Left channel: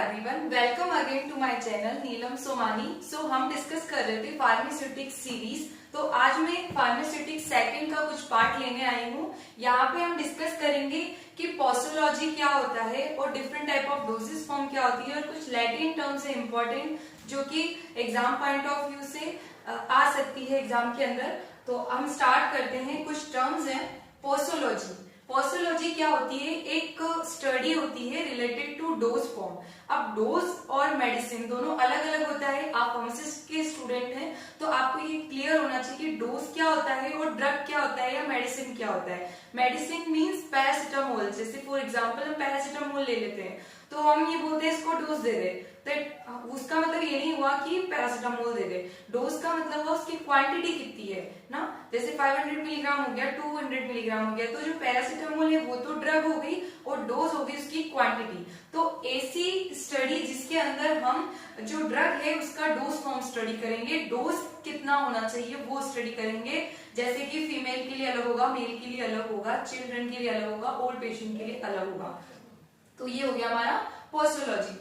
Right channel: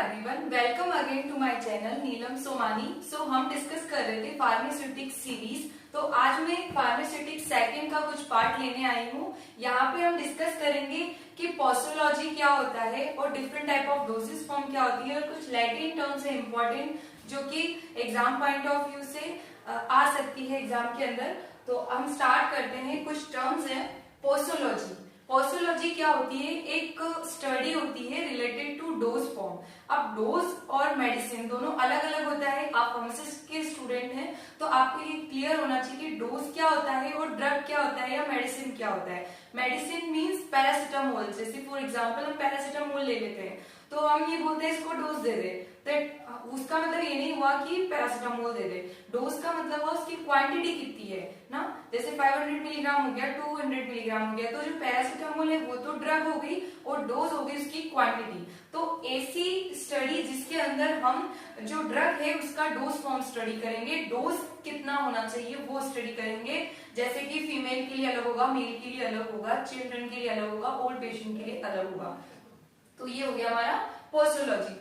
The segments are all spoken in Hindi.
Everyone, welcome again to my channel Neelam Somani. So हम डिस्कस कर रहे थे फार्मास्यूटिक्स सीरीज। तो आज मैं फार्मास्यूटिक्स सेकंड का कुछ पार्ट लेने आई हूँ। यहाँ पे हम डिस्कस करेंगे कि पोस्टोलॉजी क्या होता है और different type of dosage form क्या होती है और कुछ लैटिन टर्म्स है इम्पोर्टेंट जो कि एग्जाम पॉइंट ऑफ व्यू से आ सकती है एग्जाम के अंदर। तो हम स्टार्ट करते हैं। कुछ टर्म्स है। पोस्टोलॉजी, पोस्टोलॉजी क्या होती है? एक स्टडी होती है रिलेटेड टू डोज फॉर्म। अब डोज और मेडिसिन दोनों अलग अलग होता है। आप फार्मासिस्ट के स्टूडेंट हैं तो आपको ये क्लियर होना चाहिए कि डोज क्या होता है और ड्रग क्या होता है या मेडिसिन क्या होता है। Medicine means paracetamol. जैसे फॉर एग्जांपल हम पैरासिटामोल ले लेते हैं तो हम ये बोलते हैं इसको डोज दे दे, तो उसका मतलब ये नहीं हुआ कि पैरासिटामोल दे दे। डोज का मतलब है उसकी क्वांटिटी कितनी है ना। जैसे 500 मिलीग्राम हो गया, 200 मिलीग्राम हो गया, तो जो पैरासिटामोल है वो तो ड्रग हो गई और डोज हो गई उसकी क्वांटिटी। तो ऐसी स्टडी जिसके अंदर हम जो ड्रग है उसका डोज फॉर्म स्टडी करेंगे, डोज कितना होना चाहिए वो स्टडी करेंगे। जैसे कि फीमेल के लिए अलग होगा, मेल के लिए अलग होगा, चिल्ड्रन के लिए अलग होगा, ओल्ड पेशेंट के लिए अलग होगा। तो ये हो गया हमारा पोस्टोलॉजी।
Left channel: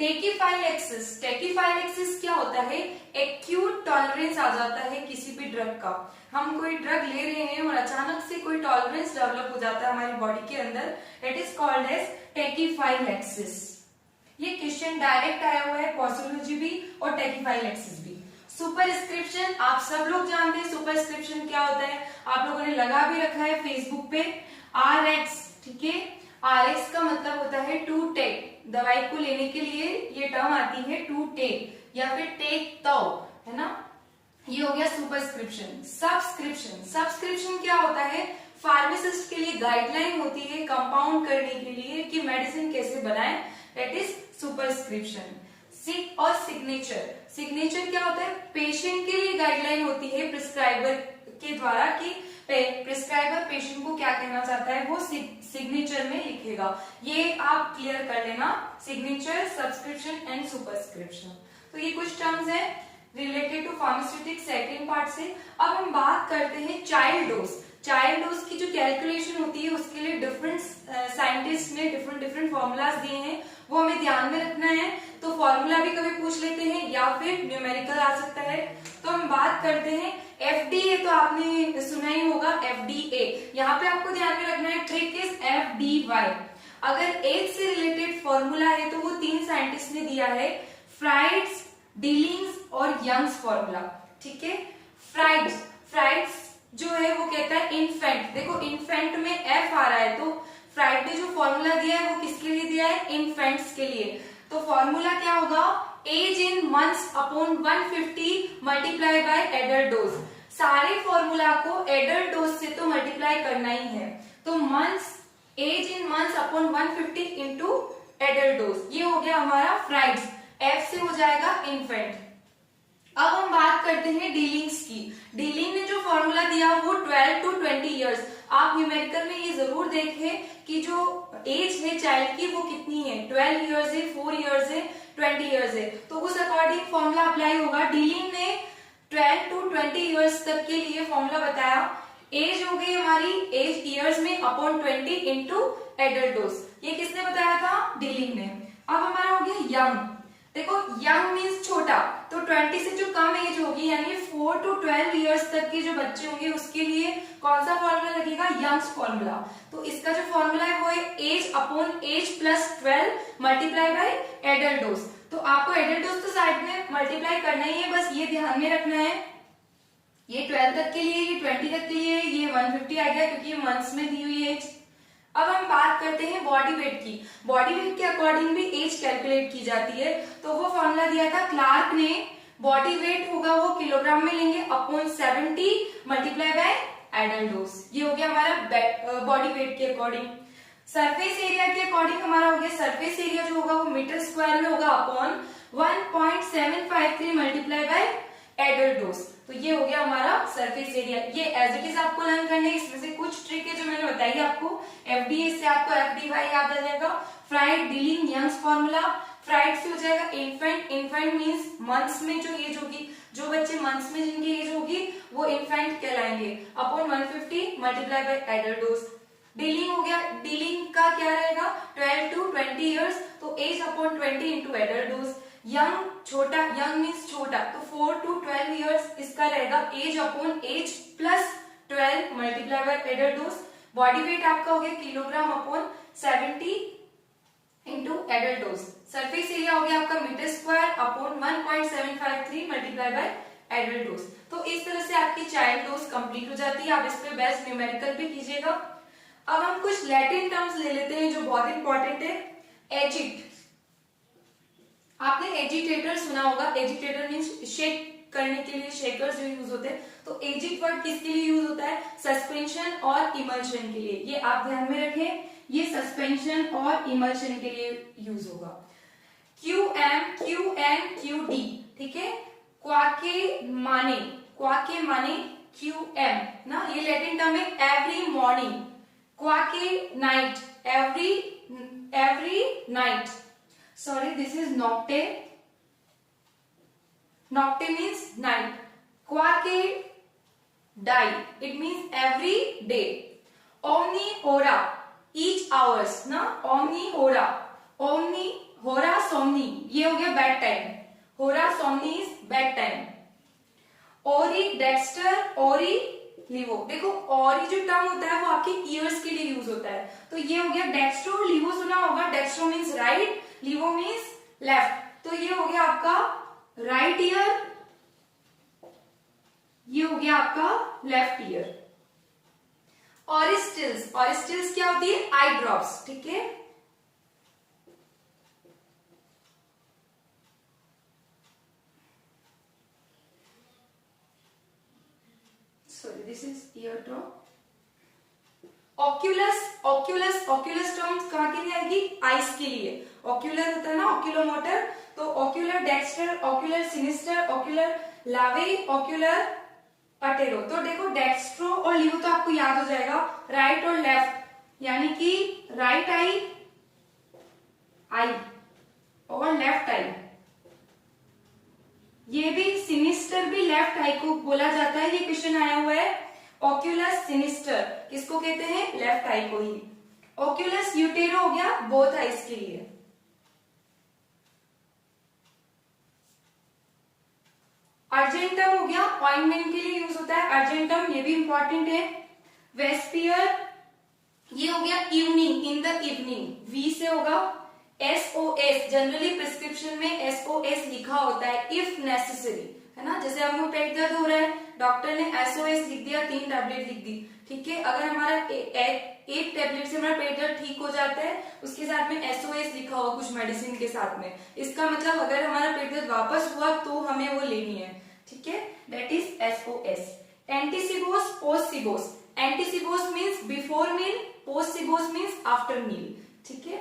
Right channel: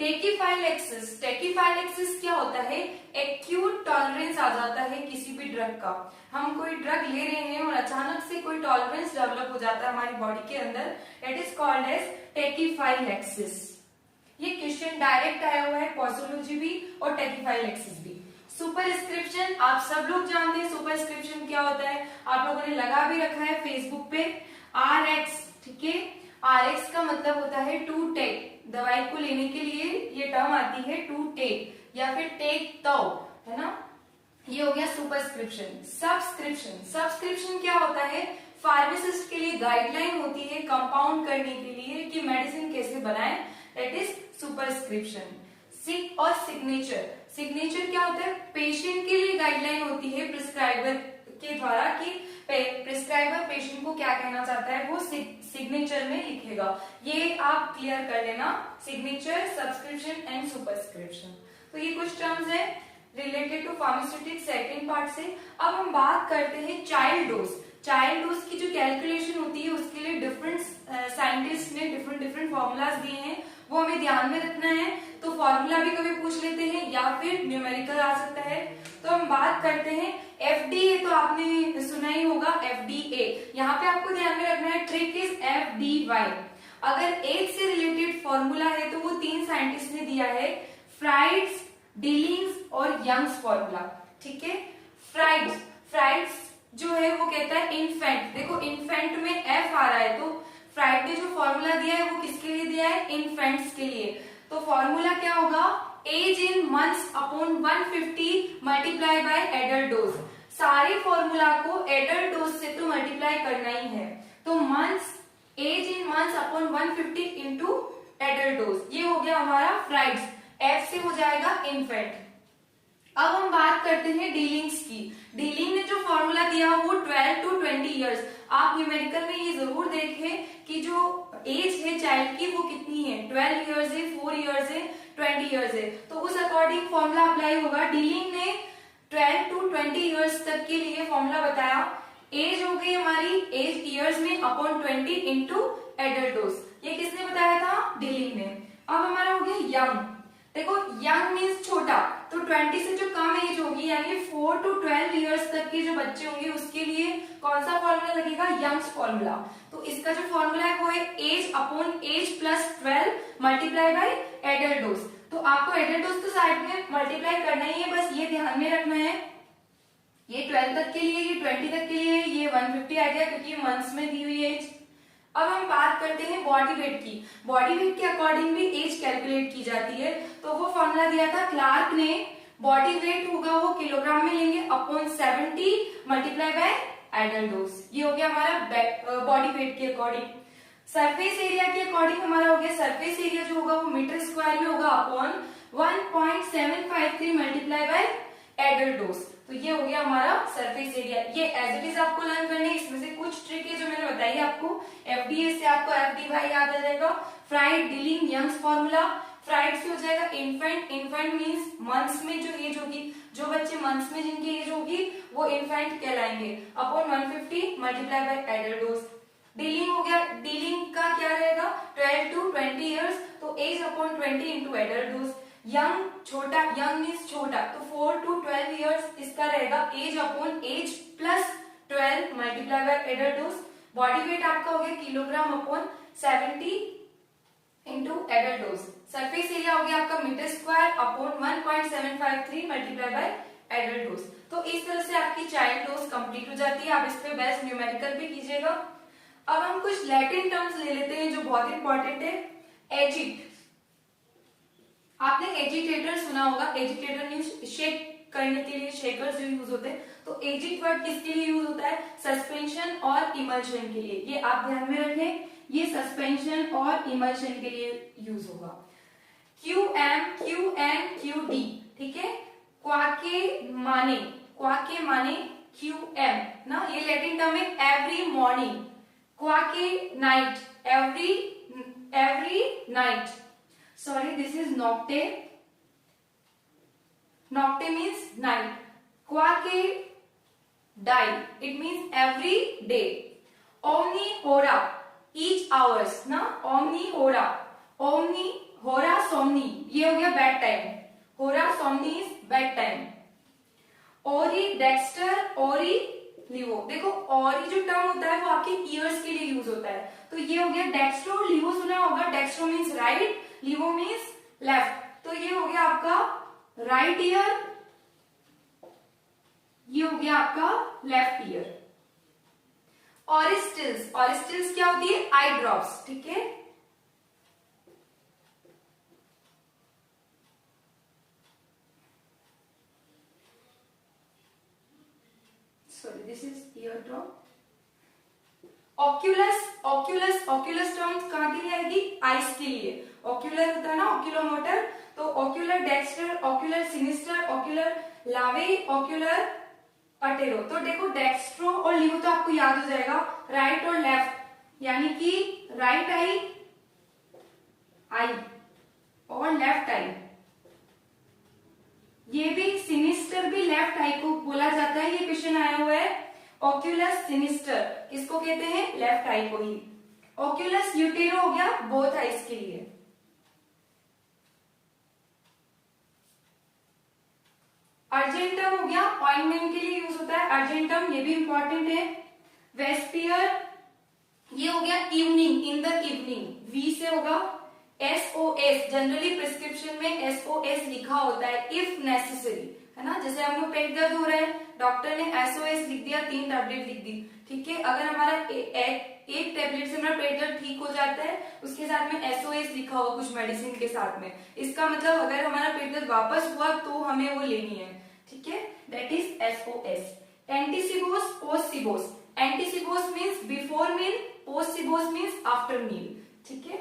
टेकीफाइलैक्सिस, टेकीफाइलैक्सिस क्या होता है? एक्यूट टॉलरेंस आ जाता है किसी भी ड्रग का। हम कोई ड्रग ले रहे हैं और अचानक से कोई टॉलरेंस डेवलप हो जाता है हमारी बॉडी के अंदर, इट इज कॉल्ड एज टेकीफाइलैक्सिस। ये क्वेश्चन डायरेक्ट आया हुआ है, पोस्टोलॉजी भी और टेकीफाइलैक्सिस भी। सुपरस्क्रिप्शन आप सब लोग जानते हैं सुपरस्क्रिप्शन क्या होता है, आप लोगों ने लगा भी रखा है फेसबुक पे। RX, ठीक है। RX का मतलब होता है टू टेक। दवाई को लेने के लिए ये टर्म आती है टू टेक या फिर टेक तो, है ना। ये हो गया सुपरस्क्रिप्शन। सब्सक्रिप्शन, सब्सक्रिप्शन क्या होता है? फार्मासिस्ट के लिए गाइडलाइन होती है कंपाउंड करने के लिए कि मेडिसिन कैसे बनाएं, दैट इज सुपरस्क्रिप्शन। सिक और सिग्नेचर, सिग्नेचर क्या होता है? पेशेंट के लिए गाइडलाइन होती है प्रिस्क्राइबर के द्वारा कि प्रिस्क्राइबर पेशेंट को क्या कहना चाहता है वो सिग्नेचर में लिखेगा। ये आप क्लियर कर लेना, सिग्नेचर, सब्सक्रिप्शन एंड सुपरस्क्रिप्शन। तो ये कुछ टर्म्स है related to pharmaceutics second part से। अब हम बात करते हैं चाइल्ड डोज। चाइल्ड डोज की जो कैलकुलेशन होती है उसके लिए डिफरेंट साइंटिस्ट ने डिफरेंट फॉर्मूलाज दिए हैं, वो हमें ध्यान में रखना है। तो फॉर्मूला भी कभी पूछ लेते हैं या फिर न्यूमेरिकल आ सकता है। तो हम बात करते हैं FDA, तो आपने सुना ही होगा FDA। यहाँ पे आपको ध्यान में रखना है, ट्रिक इज FDY। अगर एज से रिलेटेड फॉर्मूला है तो वो 3 साइंटिस्ट ने दिया है, फ्राइड्स, डीलिंग्स और यंग्स फॉर्मूला, ठीक है। फ्राइड्स जो है वो कहता है इन्फेंट। देखो इन्फेंट में F आ रहा है तो फ्राइड ने जो फॉर्मूला दिया है वो किसके लिए दिया है? इन्फेंट्स के लिए। तो फॉर्मूला क्या होगा? Age in months upon 150 multiply by adult dose. सारे फॉर्मूला को एडल्ट डोज से तो मल्टीप्लाई करना ही है, तो months, age in months upon 150 into adult dose, ये हो गया हमारा फ्राइड्स। F से हो जाएगा इन्फेंट। अब हम बात करते हैं डीलिंग्स की। डीलिंग ने जो फॉर्मूला दिया वो 12 to 20 इयर्स। आप न्यूमेरिकल में ये जरूर देखें कि जो एज है चाइल्ड की वो कितनी है, 12 इयर्स है, 4 इयर्स है, 20 इयर्स है, तो उस अकॉर्डिंग फॉर्मूला अप्लाई होगा। डीलिंग ने 12 to 20 इयर्स तक के लिए फॉर्मूला बताया। एज हो गई हमारी, एज इयर्स में अपॉन 20 इंटू एडल्ट डोज, ये किसने बताया था? डीलिंग ने। अब हमारा हो गया यंग। देखो यंग मीन्स छोटा, तो 20 से जो कम एज होगी यानी 4 to 12 इयर्स तक के जो बच्चे होंगे उसके लिए कौन सा फॉर्मूला लगेगा? Young's formula. तो इसका जो फॉर्मूला है वो है age upon age plus 12 multiply by adult dose. तो आपको एडल्ट डोज तो साइड में मल्टीप्लाई करना ही है, बस ये ध्यान में रखना है। ये 12 तक के लिए, ये 20 तक के लिए, ये 150 आ गया क्योंकि ये मंथ्स में दी हुई एज। अब हम बात करते हैं बॉडी वेट की। बॉडी वेट के अकॉर्डिंग भी एज कैलकुलेट की जाती है, तो वो फॉर्मूला दिया था क्लार्क ने। बॉडी वेट होगा वो किलोग्राम में लेंगे upon 70 multiply by adult dose, ये हो गया हमारा बॉडी वेट के अकॉर्डिंग। सरफेस एरिया के अकॉर्डिंग हमारा हो गया, सरफेस एरिया जो होगा वो मीटर स्क्वायर में होगा upon 1.753 multiply by adult dose, तो ये हो गया हमारा सरफेस एरिया। ये एज इट इज आपको लर्न करने, इसमें से कुछ ट्रिक है जो मैंने बताई आपको। FDA से आपको FDY याद आ जाएगा। Fried, Dilling, young's formula. Fried से हो जाएगा इन्फेंट। इन्फेंट मीन्स मंथ्स में जो एज होगी, जो बच्चे मंथ्स में जिनकी एज होगी वो इन्फेंट कहलाएंगे, upon 150 multiply by adult dose. डीलिंग हो गया, डीलिंग का क्या रहेगा? 12 to 20 ईयर्स, तो age upon 20 into adult dose. Young छोटा, यंग मीन्स छोटा, तो 4 to 12 ईयर्स इसका रहेगा age upon age plus 12 multiply by adult dose. Body weight आपका हो गया kilogram upon 70 into adult dose. Surface area हो गया आपका metre square upon 1.753 multiply by adult dose. तो इस तरह से आपकी चाइल्ड डोज कंप्लीट हो जाती है। आप इस पे बेस्ट न्यूमेरिकल भी कीजिएगा। अब हम कुछ लैटिन टर्म्स ले लेते हैं जो बहुत इंपॉर्टेंट है। एजिट, आपने एजिटेटर सुना होगा। एजिटेटर मीन्स शेक करने के लिए शेकर्स जो यूज होते हैं। तो एजिट वर्ड किसके लिए यूज होता है? सस्पेंशन और इमल्शन के लिए। ये आप ध्यान में रखें, ये सस्पेंशन और इमल्शन के लिए यूज होगा। QM, QN, QD, ठीक है। क्वाके माने QM ना, ये लैटिन टर्म है। एवरी मॉर्निंग, क्वाके night, every night. Sorry, this is nocte. Nocte means night. Quaque die. It means every day. Omni hora, each hours ना, omni hora, somni, ये हो गया bed time. hora somni is bed time. ओरी डेक्स्टर, ओरी लिवो, देखो ओरी जो टर्म होता है वो आपके ईयर्स के लिए यूज होता है। तो ये हो गया डेक्स्ट्रो, लिवो सुना होगा। Dextro means right, लिवो means left. तो ये हो गया आपका राइट ईयर, ये हो गया आपका लेफ्ट ईयर। ऑरिस्टिल्स, ऑरिस्टिल्स क्या होती है? आई ड्रॉप्स, ठीक है। Sorry, this is year drop. Oculus, Oculus terms कहां के लिए आएगी? आइस के लिए। ऑक्यूलर होता है ना, ऑक्यूलोमोटर। तो ocular Dexter, ocular sinister, ocular लावे, ऑक्यूलर अटेरो। तो देखो डेक्स्ट्रो और लिवो तो आपको याद हो जाएगा, राइट और लेफ्ट, यानी कि राइट आई और लेफ्ट आई। ये भी सिनिस्टर भी लेफ्ट आई को बोला जाता है। ये क्वेश्चन आया हुआ है। ऑक्यूलस सिनिस्टर किसको कहते हैं? लेफ्ट आई को ही। ऑक्यूलस यूटेरो हो गया बोथ आईज के लिए। अर्जेंटम हो गया ऑइंटमेंट के लिए यूज होता है। अर्जेंटम ये भी इंपॉर्टेंट है। वेस्पियर ये हो गया इवनिंग, इन द इवनिंग। वी से होगा SOS, जनरली प्रिस्क्रिप्शन में SOS लिखा होता है, इफ नेसेसरी, है ना। जैसे हमको पेट दर्द हो रहा है, डॉक्टर ने SOS लिख दिया, 3 टैबलेट लिख दी, ठीक है। अगर हमारा एक टैबलेट से हमारा पेट दर्द ठीक हो जाता है, उसके साथ में SOS लिखा हुआ कुछ मेडिसिन के साथ में, इसका मतलब अगर हमारा पेट दर्द वापस हुआ तो हमें वो लेनी है, ठीक है। That is SOS। एंटीसिबोस, पोस्टसिबोस। एंटीसिबोस मीन्स बिफोर मील, पोस्टसिबोस मीन्स आफ्टर मील, ठीक है।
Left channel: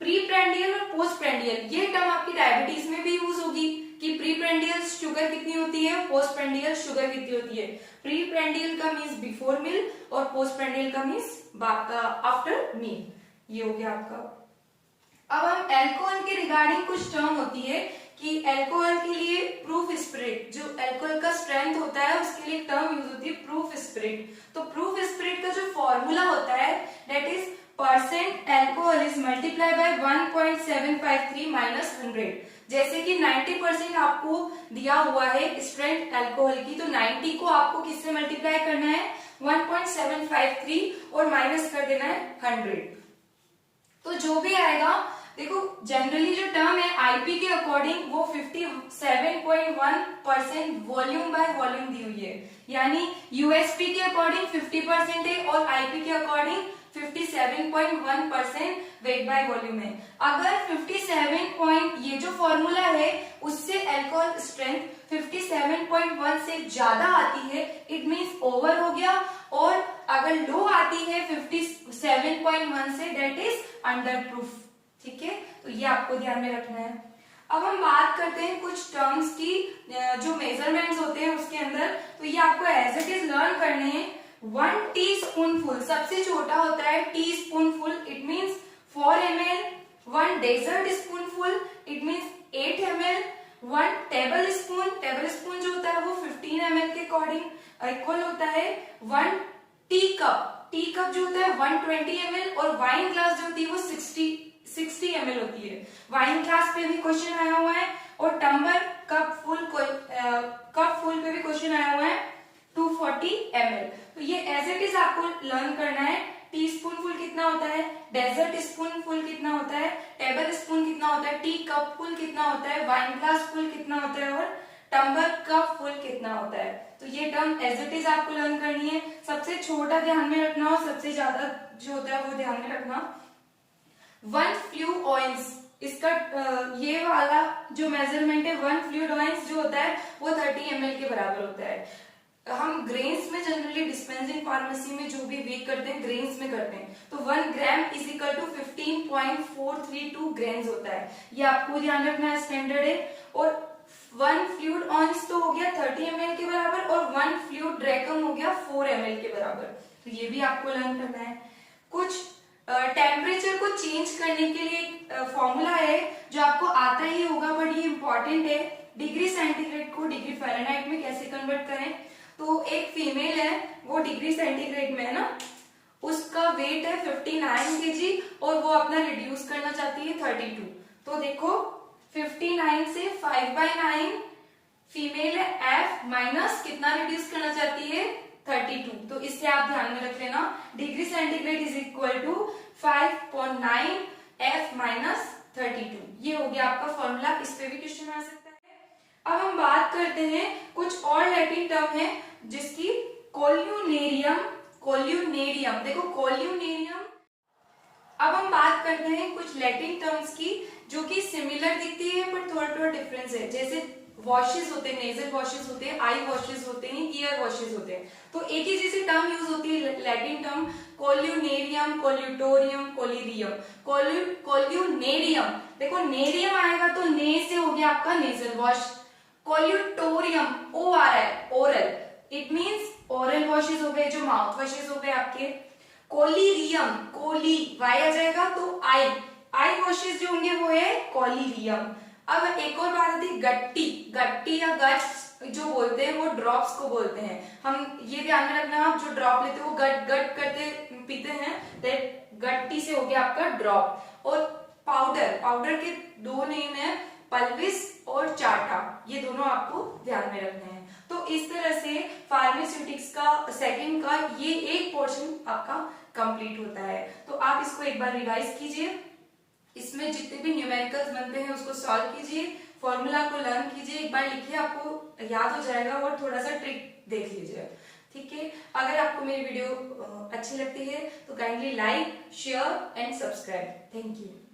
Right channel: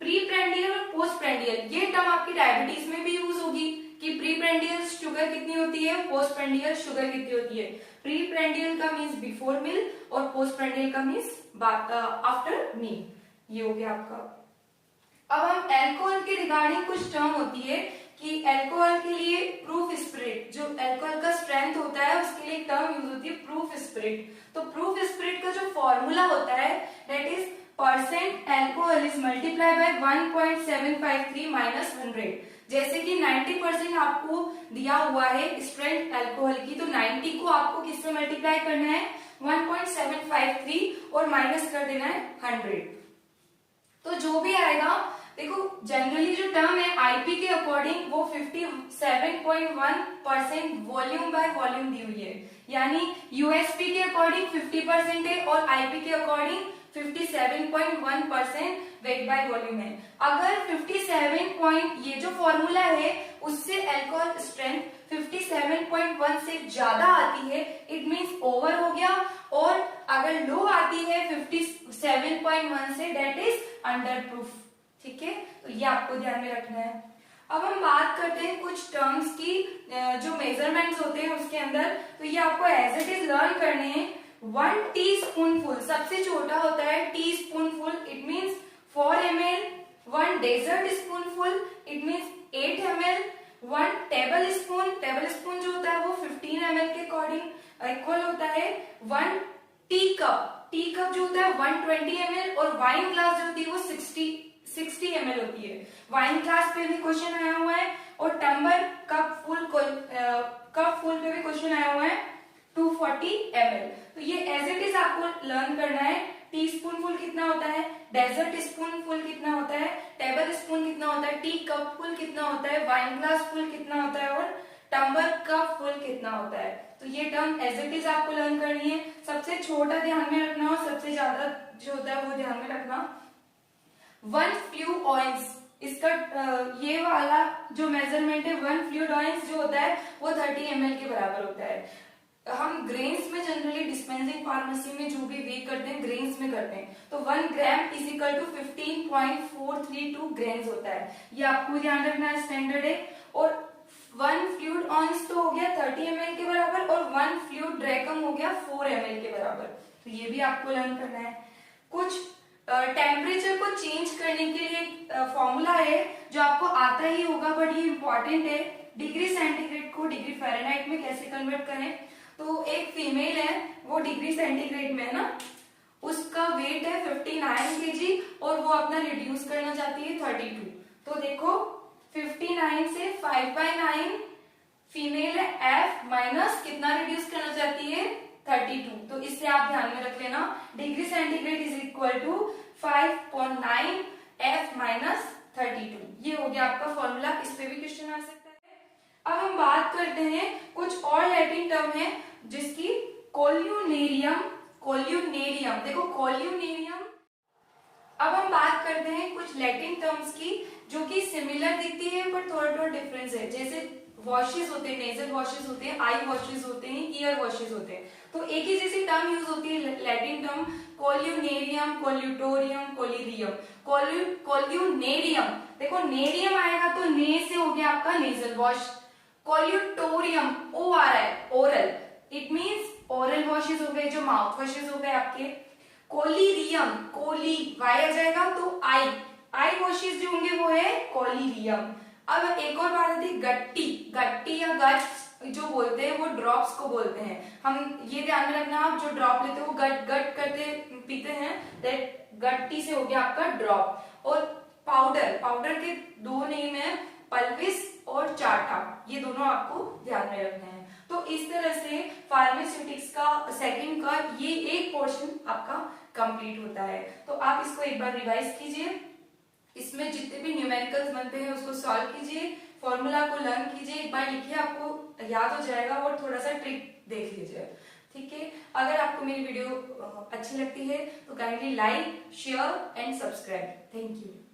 प्री प्रेंडियल और पोस्ट प्रेंडियल, ये टर्म आपकी डायबिटीज में भी यूज होगी कि प्री प्रेंडियल शुगर कितनी होती है, पोस्ट प्रेंडियल शुगर कितनी होती है। प्री प्रेंडियल का मीन्स बिफोर मील और पोस्ट प्रेंडियल का मीन्स आफ्टर मील। ये हो गया आपका। अब हम एल्कोहल के रिगार्डिंग कुछ टर्म होती है कि एल्कोहल के लिए प्रूफ स्पिरिट, जो एल्कोहल का स्ट्रेंथ होता है उसके लिए टर्म यूज होती है प्रूफ स्पिरिट। तो प्रूफ स्पिरिट का जो फॉर्मूला होता है that is percent alcohol is multiply by 1.753 minus 100। जैसे कि 90% आपको दिया हुआ है स्ट्रेंथ एल्कोहल की, तो 90 को आपको किससे मल्टीप्लाई करना है? 1.753 और माइनस कर देना है 100। तो जो भी आएगा, देखो जनरली जो टर्म है आईपी के अकॉर्डिंग वो 57.1% वॉल्यूम बाय वॉल्यूम दी हुई है, यानी यूएसपी के अकॉर्डिंग 50% है और आईपी के अकॉर्डिंग 57.1% वेट बाय वॉल्यूम है। अगर 57 ये जो फॉर्मूला है उससे अल्कोहल स्ट्रेंथ 57.1 से ज्यादा आती है, इट मींस ओवर हो गया, और अगर लो आती है 57.1 से, डेट इज अंडर प्रूफ, ठीक है। तो ये आपको ध्यान में रखना है। अब हम बात करते हैं कुछ टर्म्स की जो मेजरमेंट्स होते हैं उसके अंदर, तो ये आपको एज इट इज लर्न करने हैं। 1 टीस्पूनफुल सबसे छोटा होता है, teaspoonful it means 4 ml। 1 dessert spoonful it means 8 ml। 1 tablespoon जो होता है वो 15 ml के अकॉर्डिंग इक्वल होता है 1 टी कप जो होता है 120 ml, और वाइन ग्लास जो होती है वो 60 60 ml होती है। वाइन ग्लास पे भी क्वेश्चन आया हुआ है और टम्बलर कप फुल पे भी क्वेश्चन आया हुआ है 240 ml। तो ये एज इट इज आपको लर्न करना है। टी स्पून फुल कितना होता है, डेजर्ट स्पून फुल कितना होता है, टेबल स्पून कितना होता है, टी कप फुल कितना होता है, वाइन ग्लास फुल कितना होता है और टम्बलर कप फुल कितना होता है। तो ये टर्म एज इट इज आपको लर्न करनी है। सबसे छोटा ध्यान में रखना और सबसे ज्यादा जो होता है वो ध्यान में रखना। 1 फ्लू ऑयंस, इसका ये वाला जो मेजरमेंट है 1 फ्लूइड ऑयंस जो होता है वो 30 ml के बराबर होता है। हम ग्रेन्स में जनरली डिस्पेंसिंग फार्मेसी में जो भी वेट करते हैं ग्रेन्स में करते हैं, तो 1 gram is equal to 15.432 grains होता है। ये आपको ध्यान रखना है, स्टैंडर्ड है। और 1 फ्लूइड ऑयंस तो हो गया 30 ml के बराबर और 1 फ्लूइड ड्रैकम हो गया 4 ml के बराबर। तो ये भी आपको लर्न करना है। कुछ टेम्परेचर को चेंज करने के लिए फॉर्मूला है जो आपको आता ही होगा, बट ये इंपॉर्टेंट है। डिग्री सेंटीग्रेड को डिग्री फ़ारेनहाइट में कैसे कन्वर्ट करें। तो एक फीमेल है, वो डिग्री सेंटीग्रेड में है ना, उसका वेट है 59 kg और वो अपना रिड्यूस करना चाहती है 32। तो देखो 59 से 5/9 फीमेल है, एफ माइनस कितना रिड्यूस करना चाहती है 32। तो इससे आप ध्यान में रख लेना, degree centigrade is equal to 5.9 F minus 32। ये हो गया आपका फॉर्मूला। इस पे भी क्वेश्चन आ सकता है। अब हम बात करते हैं कुछ और लैटिन टर्म है जिसकी कोल्यूनेरियम, देखो कोल्यूनेरियम। अब हम बात करते हैं कुछ लैटिन टर्म्स की जो कि सिमिलर दिखती है पर थोड़ा थोड़ा डिफरेंस है। जैसे वॉशेस होते हैं, नेजल वॉशेस होते हैं, आई वॉशेस होते हैं, ईयर वॉशेस होते हैं। तो एक ही जैसी टर्म यूज होती है लैटिन टर्म कोल्यूनेरियम, कोल्यूटोरियम, कोलिरियम। कोल्यूनेरियम, देखो नेरियम आएगा तो ने से हो गया आपका नेजल वॉश। कोल्यूटोरियम ओ आ रहा है, oral, it means oral washes हो गए, जो माउथ वॉशेस हो गए आपके। कोलिरियम, कोली वाई आ जाएगा तो आई वॉशेस जो होंगे वो है कोलिरियम। अब एक और बात आती है गट्टी या गट जो बोलते हैं वो ड्रॉप्स को बोलते हैं। हम ये ध्यान में रखना, आप जो ड्रॉप लेते हो वो गट करते पीते हैं, दैट गट्टी से हो गया आपका ड्रॉप। और पाउडर के 2 नेम है, पल्विस और चाटा, ये दोनों आपको ध्यान में रखने हैं। तो इस तरह से फार्मास्यूटिक्स का सेकंड का ये एक पोर्शन आपका कंप्लीट होता है। तो आप इसको एक बार रिवाइज कीजिए, इसमें जितने भी न्यूमेरिकल्स बनते हैं उसको सॉल्व कीजिए, फॉर्मूला को लर्न कीजिए, एक बार लिखिए, आपको याद हो जाएगा और थोड़ा सा ट्रिक देख लीजिए। ठीक है, अगर आपको मेरी वीडियो अच्छी लगती है तो kindly like, share and subscribe. Thank you.